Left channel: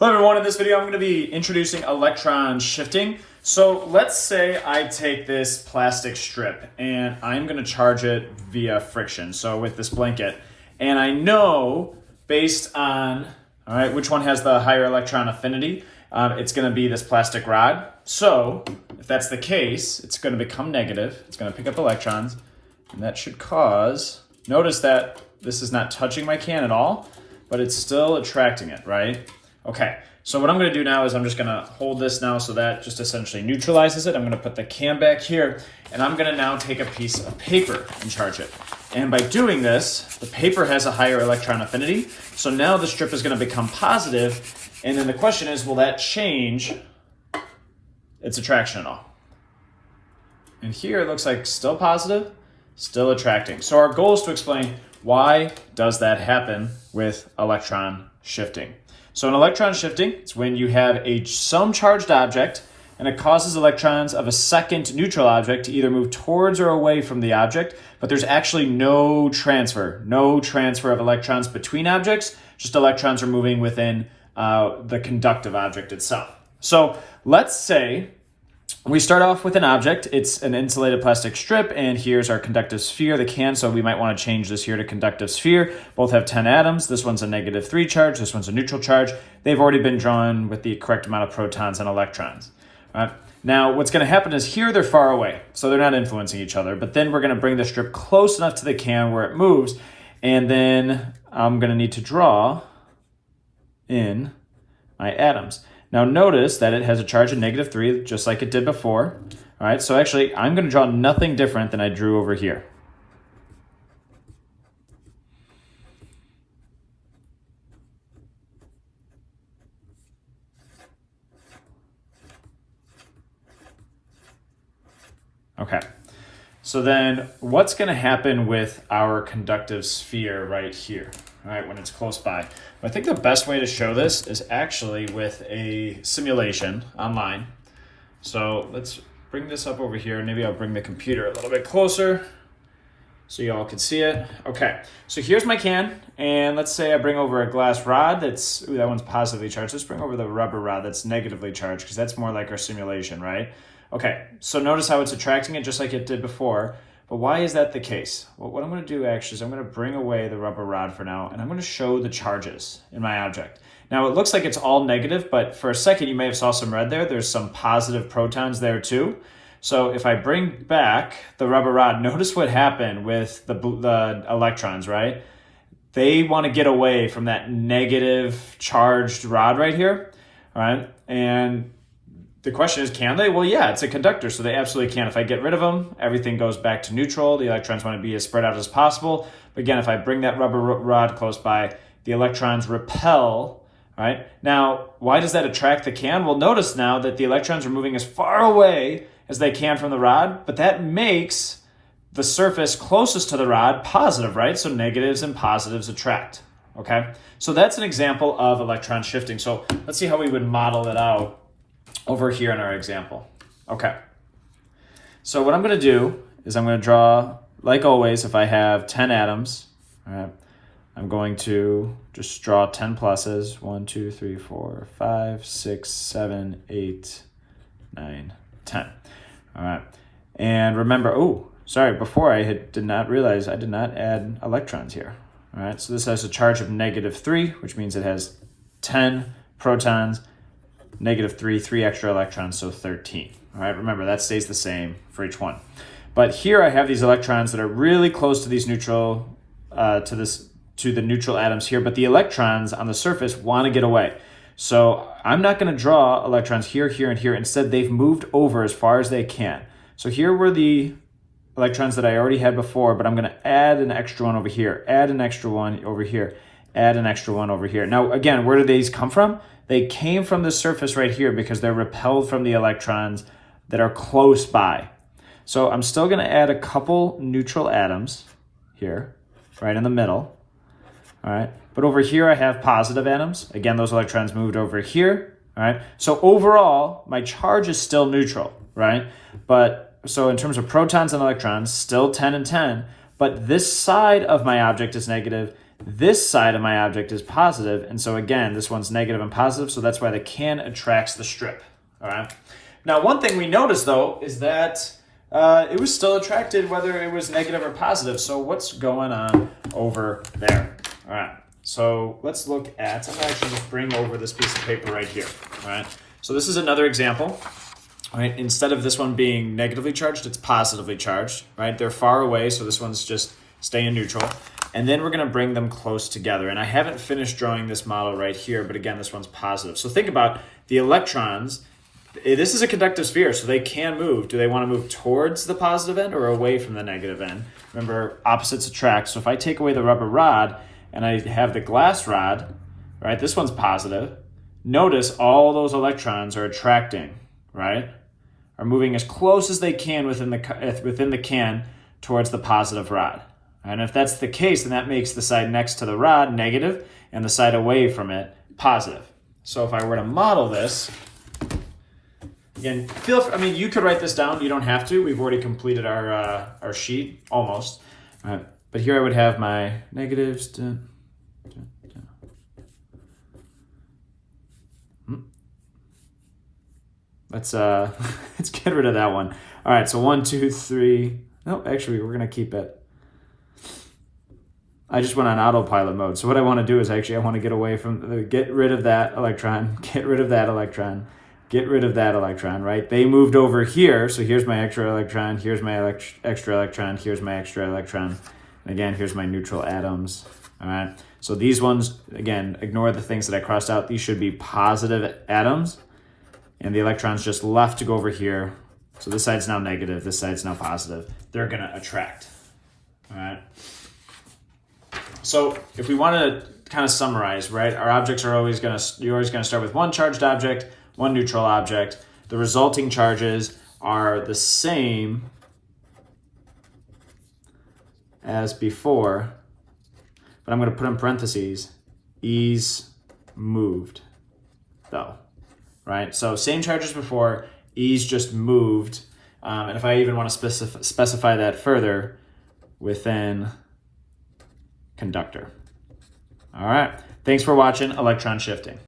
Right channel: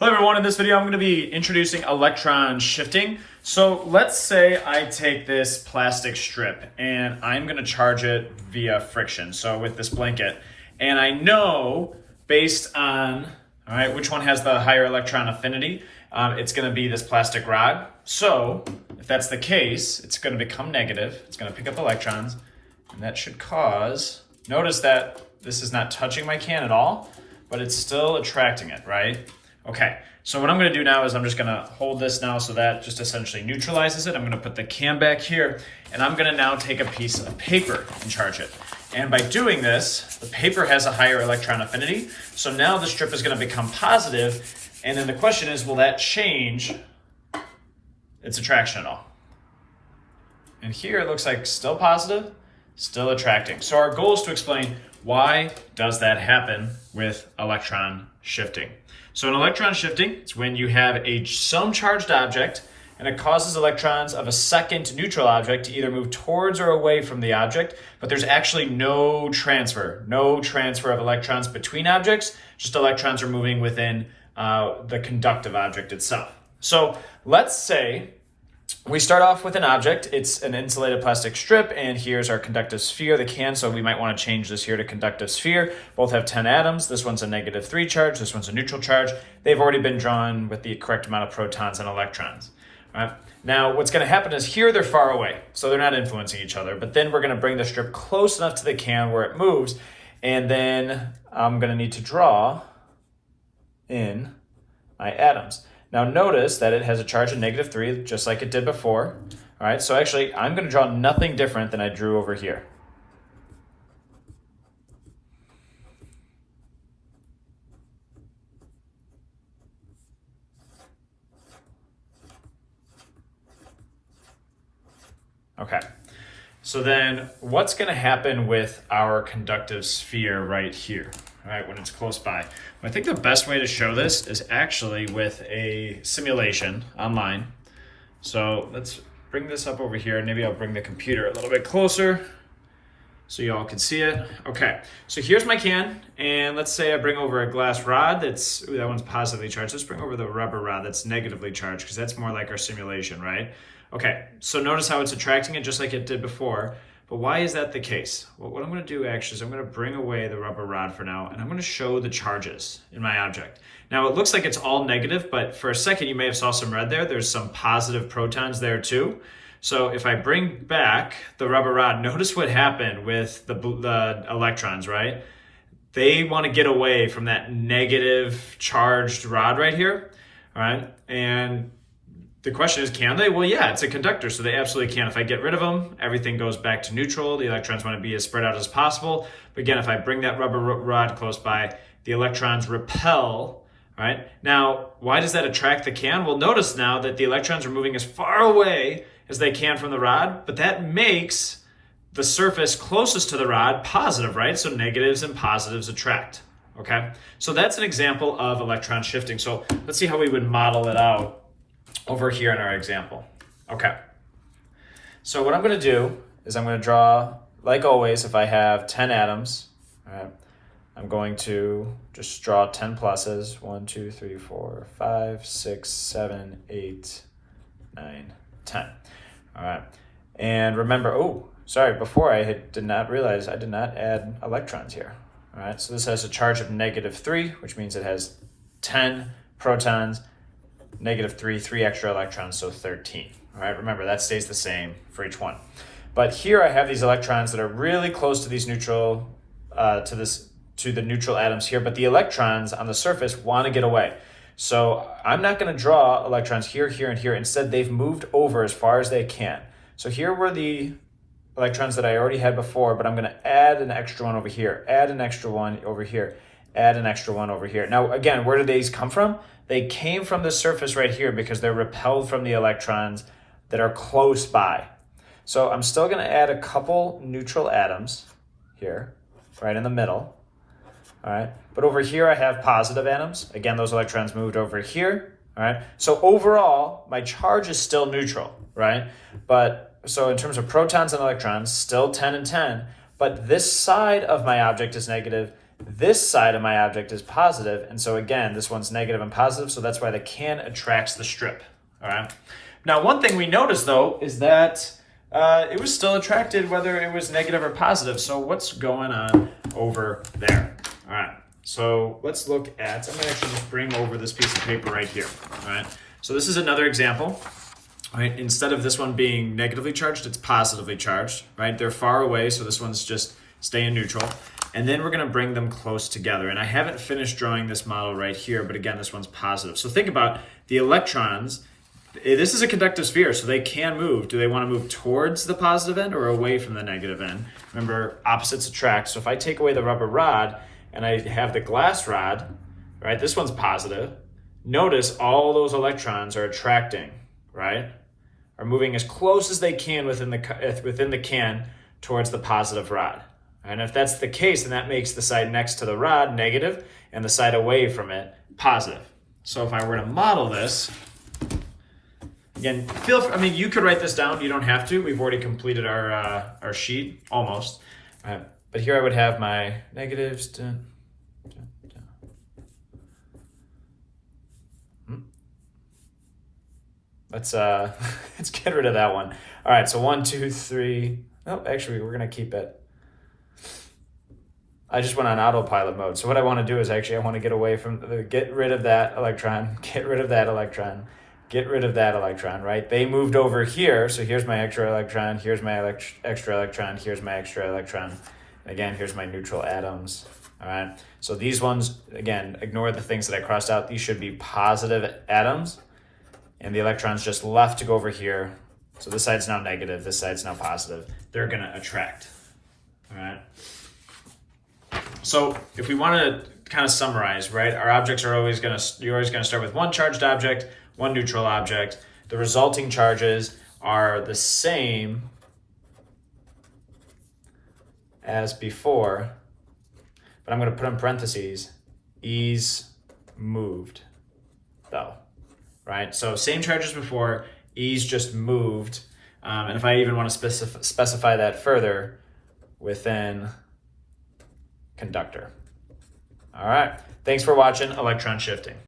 Hello everyone, in this video I'm going to be introducing electron shifting. So let's say I take this plastic strip and I'm going to charge it via friction, so with this blanket. And I know based on, which one has the higher electron affinity, it's going to be this plastic rod. So if that's the case, it's going to become negative, it's going to pick up electrons, and that should cause, notice that this is not touching my can at all, but it's still attracting it, right? Okay, so what I'm going to do now is I'm just going to hold this now so that just essentially neutralizes it. I'm going to put the can back here, and I'm going to now take a piece of paper and charge it. And by doing this, the paper has a higher electron affinity, so now the strip is going to become positive, and then the question is, will that change its attraction at all? And here it looks like still positive, still attracting. So our goal is to explain why does that happen with electron shifting. So in electron shifting, it's when you have some charged object and it causes electrons of a second neutral object to either move towards or away from the object, but there's actually no transfer of electrons between objects, just electrons are moving within the conductive object itself. So let's say we start off with an object. It's an insulated plastic strip, and here's our conductive sphere, the can, so we might want to change this here to conductive sphere. Both have 10 atoms. This one's a -3 charge, this one's a neutral charge. They've already been drawn with the correct amount of protons and electrons. All right. Now, what's going to happen is here they're far away, so they're not influencing each other, but then we're going to bring the strip close enough to the can where it moves, and then I'm going to need to draw in my atoms. Now notice that it has a charge of -3, just like it did before. All right, so actually I'm going to draw nothing different than I drew over here. Okay, so then what's going to happen with our conductive sphere right here, all right, when it's close by? I think the best way to show this is actually with a simulation online. So let's bring this up over here. Maybe I'll bring the computer a little bit closer so you all can see it. Okay, so here's my can, and let's say I bring over a glass rod that's, that one's positively charged. Let's bring over the rubber rod that's negatively charged, because that's more like our simulation, right? Okay, so notice how it's attracting it just like it did before. But why is that the case? Well, what I'm going to do actually is I'm going to bring away the rubber rod for now, and I'm going to show the charges in my object. Now, it looks like it's all negative, but for a second you may have saw some red there. There's some positive protons there too. So if I bring back the rubber rod, notice what happened with the electrons, right? They want to get away from that negative charged rod right here, all right? And the question is, can they? Well, yeah, it's a conductor, so they absolutely can. If I get rid of them, everything goes back to neutral. The electrons want to be as spread out as possible. But again, if I bring that rubber rod close by, the electrons repel, right? Now, why does that attract the can? Well, notice now that the electrons are moving as far away as they can from the rod, but that makes the surface closest to the rod positive, right? So negatives and positives attract, okay? So that's an example of electron shifting. So let's see how we would model it out over here in our example. Okay, so what I'm going to do is I'm going to draw, like always, if I have 10 atoms, all right, I'm going to just draw 10 pluses. 1, 2, 3, 4, 5, 6, 7, 8, 9, 10. All right, and remember, before I did not realize I did not add electrons here. All right, so this has a charge of -3, which means it has 10 protons, -3, 3 extra electrons, so 13. All right, remember that stays the same for each one. But here I have these electrons that are really close to these neutral, to the neutral atoms here, but the electrons on the surface want to get away. So I'm not going to draw electrons here, here, and here. Instead, they've moved over as far as they can. So here were the electrons that I already had before, but I'm going to add an extra one over here, add an extra one over here, add an extra one over here. Now, again, where do these come from? They came from the surface right here because they're repelled from the electrons that are close by. So I'm still going to add a couple neutral atoms here, right in the middle. All right, but over here I have positive atoms. Again, those electrons moved over here. All right, so overall my charge is still neutral, right? But so in terms of protons and electrons, still 10 and 10. But this side of my object is negative. this side of my object is positive, and so again, this one's negative and positive, so that's why the can attracts the strip, all right? Now, one thing we noticed, though, is that it was still attracted whether it was negative or positive, so what's going on over there? All right, so let's look at, I'm gonna actually just bring over this piece of paper right here, all right? So this is another example, right? Instead of this one being negatively charged, it's positively charged, right? They're far away, so this one's just staying neutral. And then we're gonna bring them close together. And I haven't finished drawing this model right here, but again, this one's positive. So think about the electrons. This is a conductive sphere, so they can move. Do they wanna move towards the positive end or away from the negative end? Remember, opposites attract. So if I take away the rubber rod and I have the glass rod, right? This one's positive. Notice all those electrons are attracting, right? Are moving as close as they can within the can towards the positive rod. And if that's the case, then that makes the side next to the rod negative and the side away from it positive. So if I were to model this, again, you could write this down. You don't have to. We've already completed our sheet, almost. But here I would have my negatives. Let's get rid of that one. All right, so 1, 2, 3. No, actually, we're gonna keep it. I just went on autopilot mode. So what I want to do is actually I want to get away from get rid of that electron, get rid of that electron, get rid of that electron, right? They moved over here, so here's my extra electron, here's my extra electron, here's my extra electron, and again, here's my neutral atoms, all right? So these ones, again, ignore the things that I crossed out. These should be positive atoms, and the electrons just left to go over here. So this side's now negative, this side's now positive. They're gonna attract, all right? So if we want to kind of summarize, right, our objects are you're always gonna start with one charged object, one neutral object. The resulting charges are the same as before, but I'm gonna put in parentheses, E's moved, though, right? So same charge as before, E's just moved, and if I even want to specify that further, within conductor. All right, thanks for watching Electron Shifting.